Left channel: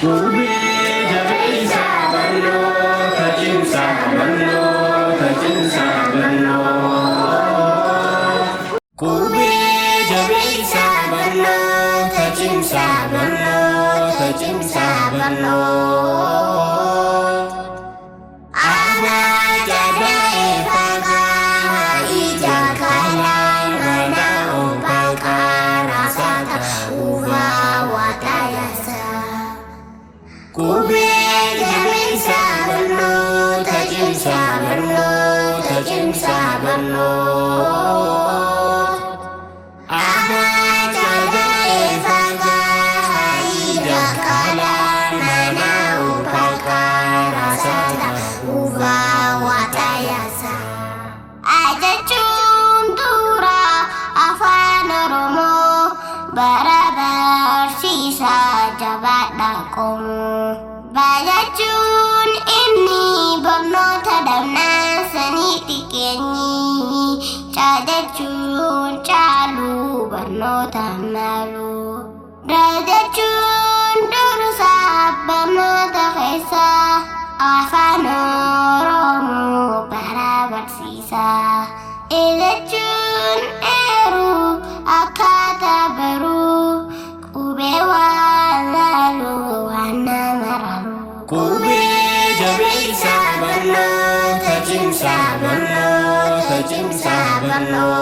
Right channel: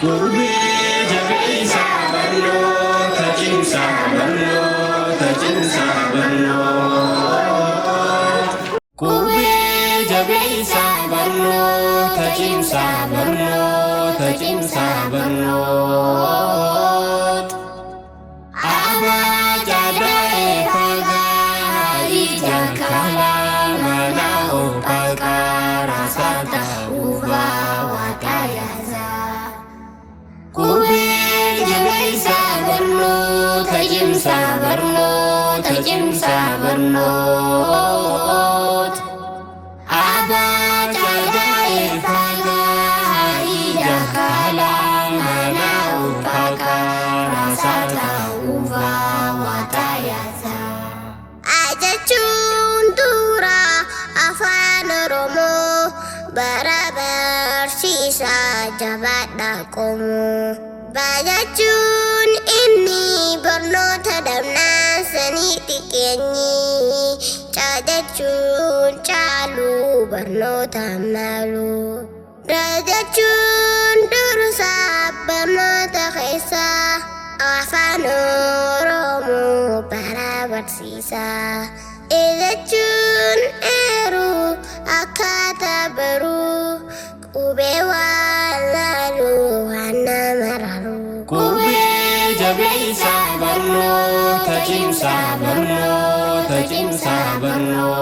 Kubi jadi sabarno, kajin sabarno, kajin sabarno. Kubi jadi sabarno, kajin sabarno, kajin sabarno. Aba jadai paga ijang kala manao paga rasa uba watayasa. Kubi jadi sabarno, kajin sabarno, kajin sabarno. Aba jadai paga ijang kala manao paga rasa uba watayasa. Aja cuntura afan romo barabar sisa jabat dakomu. Bajacun ini berno tadamna seni tikenyi. Cajacun calu berno tamalu. Rajacun dursa berno takesa. Afan romo barabar sisa. Ejacun eru akata baru. Kubewa lalu wana maralu. Kubi jadi sabarno, kajin sabarno, kajin sabarno.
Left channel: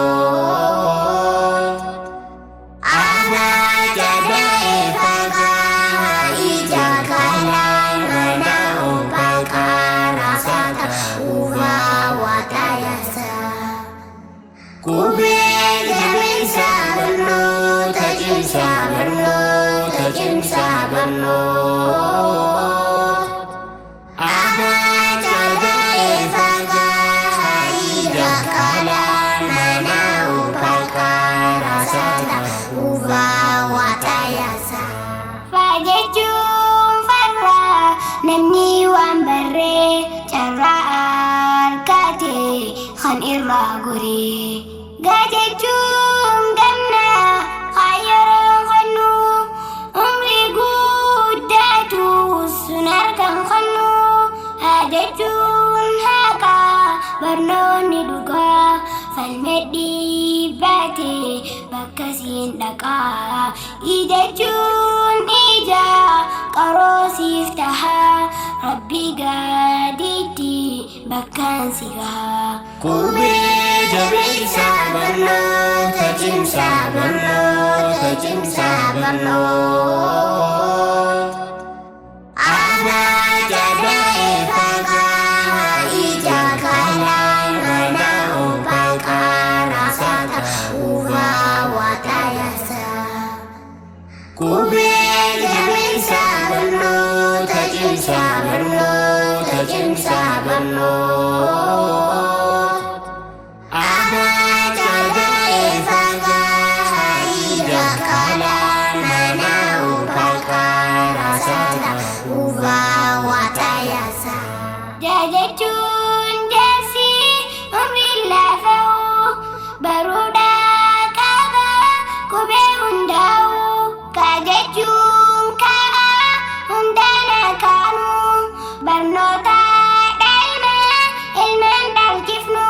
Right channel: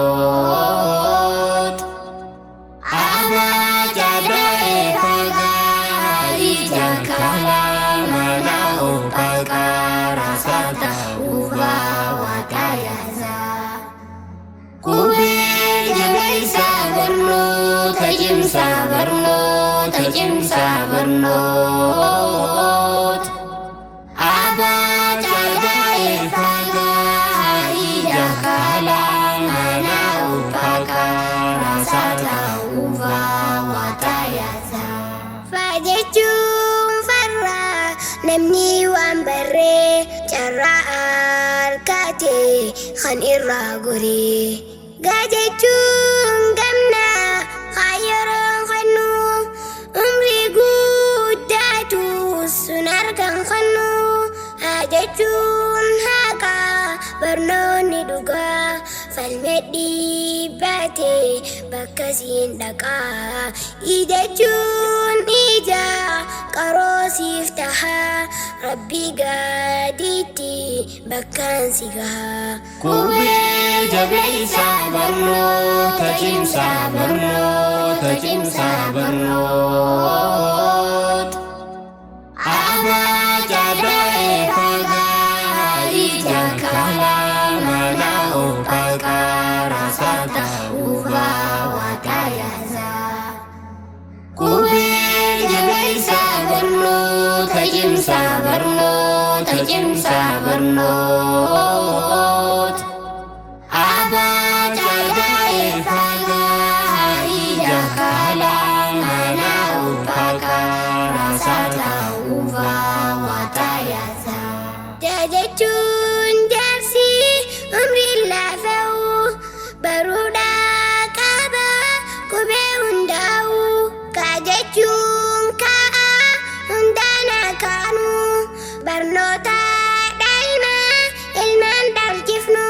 Aba jadai paga ijang kala manao paga rasa uba watayasa. Kubi jadi sabarno, kajin sabarno, kajin sabarno. Aba jadai paga ijang kala manao paga rasa uba watayasa. Fajacun farra namni wambare cara arkate khan irra guri. Gajacun gamna khayarun khanu umri gudatu sunar kan khanu. Hajacun haka barnoni duga falmedi bate bakasin daka. Ijacun ija karosi iftaha rabbi gaditi bakan siga. Kubi jadi sabarno, kajin sabarno, kajin sabarno. Aba jadai paga ijang kala manao paga rasa uba watayasa. Kubi jadi sabarno, kajin sabarno, kajin sabarno. Aba jadai paga ijang kala manao paga rasa uba watayasa. Jajacun jasi umri lafau baruda kaba kube undau. Kajacun ka undana kanu barnota daima ilman dalkifnu.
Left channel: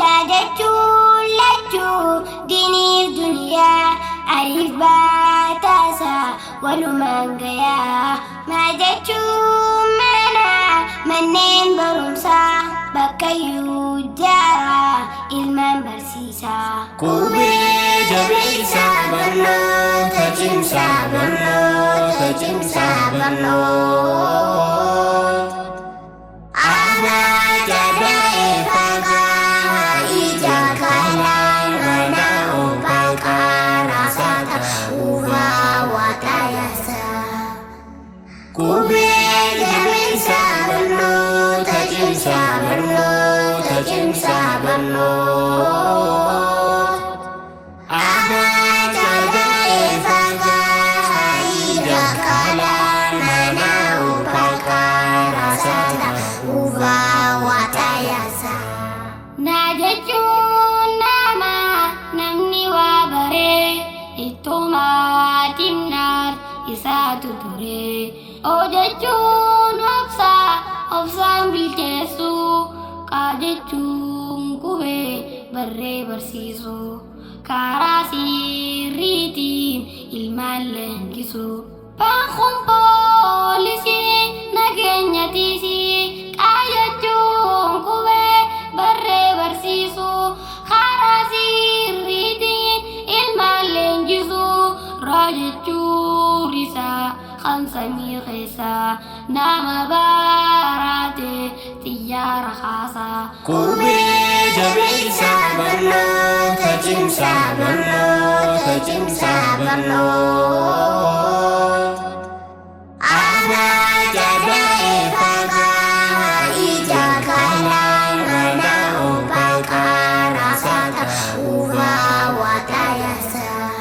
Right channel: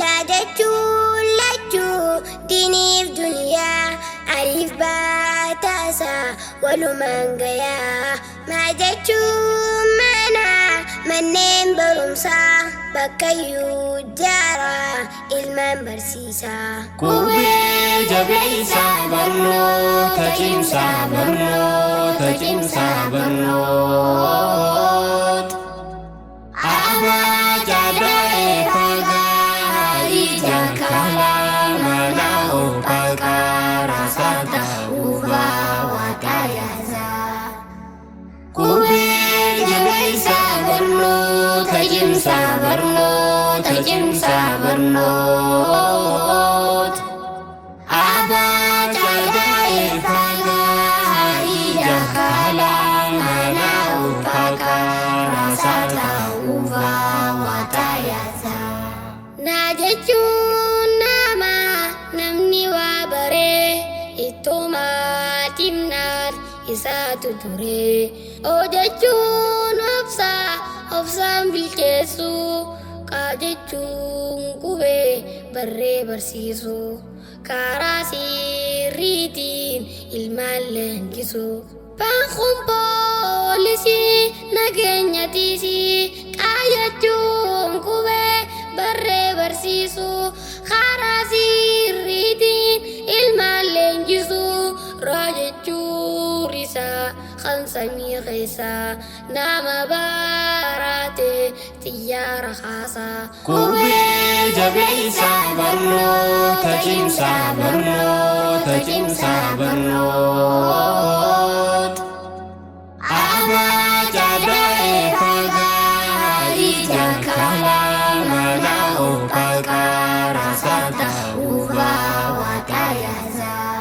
Lajacun lacu dinif dunia alif batasa waluman gaya. Majacun mana manen barumsa bakayu jara ilman bersisa. Kubi jadi sabarno, kajin sabarno, kajin sabarno. Aba jadai paga ijang kala manao paga rasa uba watayasa. Kubi jadi sabarno, kajin sabarno, kajin sabarno. Aba jadai paga ijang kala manao paga rasa uba watayasa. Najacun nama namni wabare ituma timnar isa ture ojechuun obsaan bilcheessu qaajechuun qubee barree barsiisu karaa sirriitiin ilmaan leenjisu baankuun poolisii nageenyatiisii qaajechuun qubee barree barsiisu karaa sirriitiin ilmaan leenjisu raajechuun isaa kan samii keessaa nama baaraate xiyyaara kaasaa. Qubee jabeessaa barnoota cimsaa barnoota cimsaa barnoota. Abbaa Cadaa'ee fagaa ija kalaa balaa oofaqaa raasaa ta'uu baawwataayasaa.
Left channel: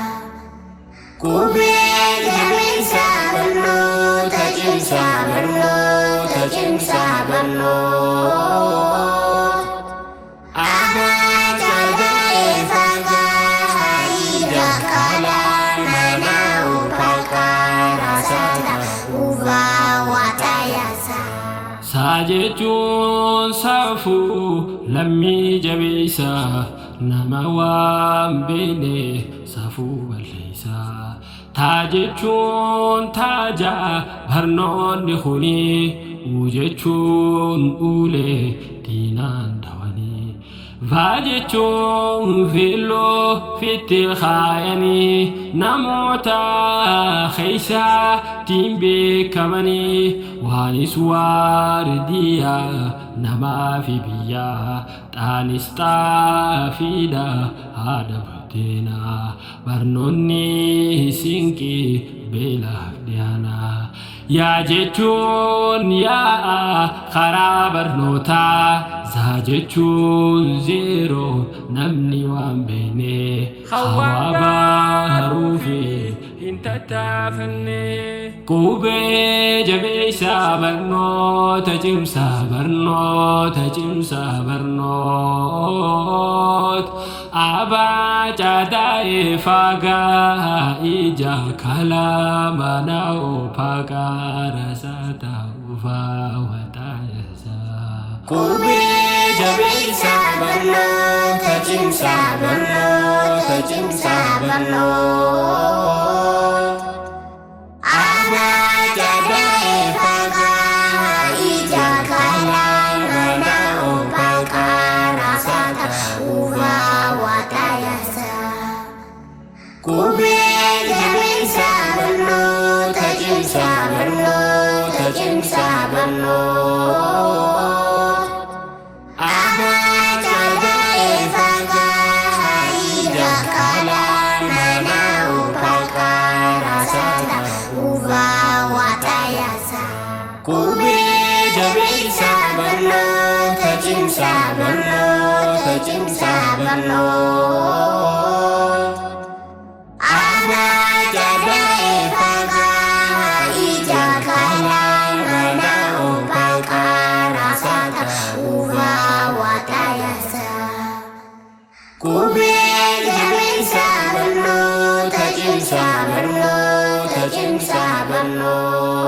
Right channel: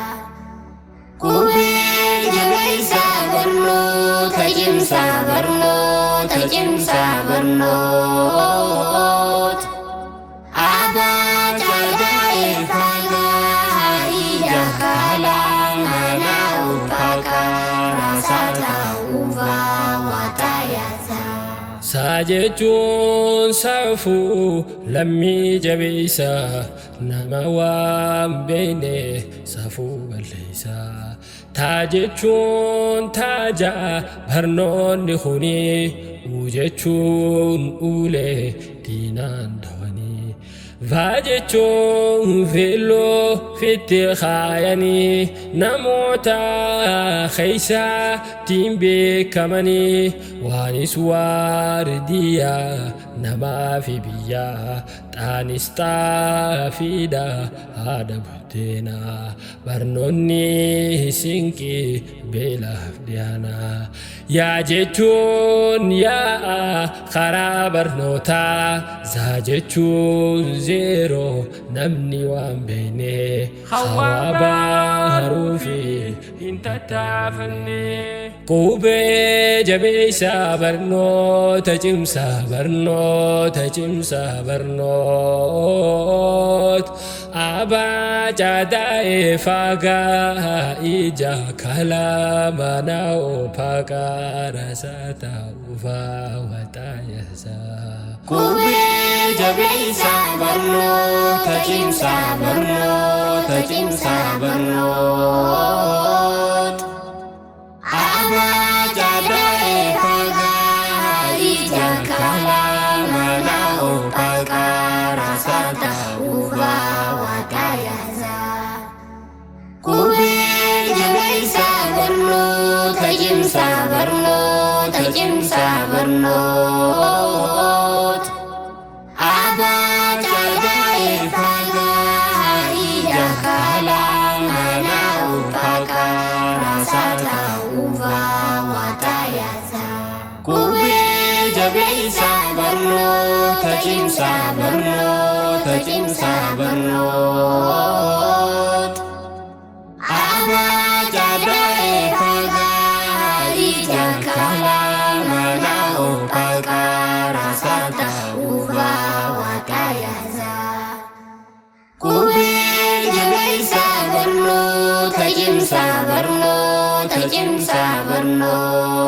Qubee jabeessaa barnoota cimsaa barnoota cimsaa barnoota. Abbaa Cadaa'ee fagaa ija kalaa balaa oofaqaa raasaa ta'uu baawwataayasaa. Saajechuun saafuu lammii jabeessaa nama waan beekne saafuu balleessaa. Taajechuun taajaa barnoonni kuni ujechuun ulee diinaan dhawanii. Vaajechuun filoo fitti kaayanii namoota keessaa tiin beekamanii waanis waardiyaa namaa fi biyyaa xaanis xaafiidha haadha buddeenaa barnoonni sinqii beelaaf dhiyaanaa. Yaa jechuun yaa karaa barnootaa zaa jechuun zeeroo namni waan beekne hawaa baaruu fi hin tattaafanne. Qubee jabeessaa barnoota cimsaa barnoota cimsaa barnoota. Abbaa Cadaa'ee fagaa ija kalaa mana oofaqaa raasaa ta'uu baawwataayasaa. Qubee jabeessaa barnoota cimsaa barnoota cimsaa barnoota. Abbaa Cadaa'ee fagaa ija kalaa mana oofaqaa raasaa ta'uu baawwataayasaa. Qubee jabeessaa barnoota cimsaa barnoota cimsaa barnoota. Abbaa Cadaa'ee fagaa ija kalaa mana oofaqaa raasaa ta'uu baawwataayasaa. Qubee jabeessaa barnoota cimsaa barnoota cimsaa barnoota. Abbaa Cadaa'ee fagaa ija kalaa mana oofaqaa raasaa ta'uu baawwataayasaa. Qubee jabeessaa barnoota cimsaa barnoota cimsaa barnoota.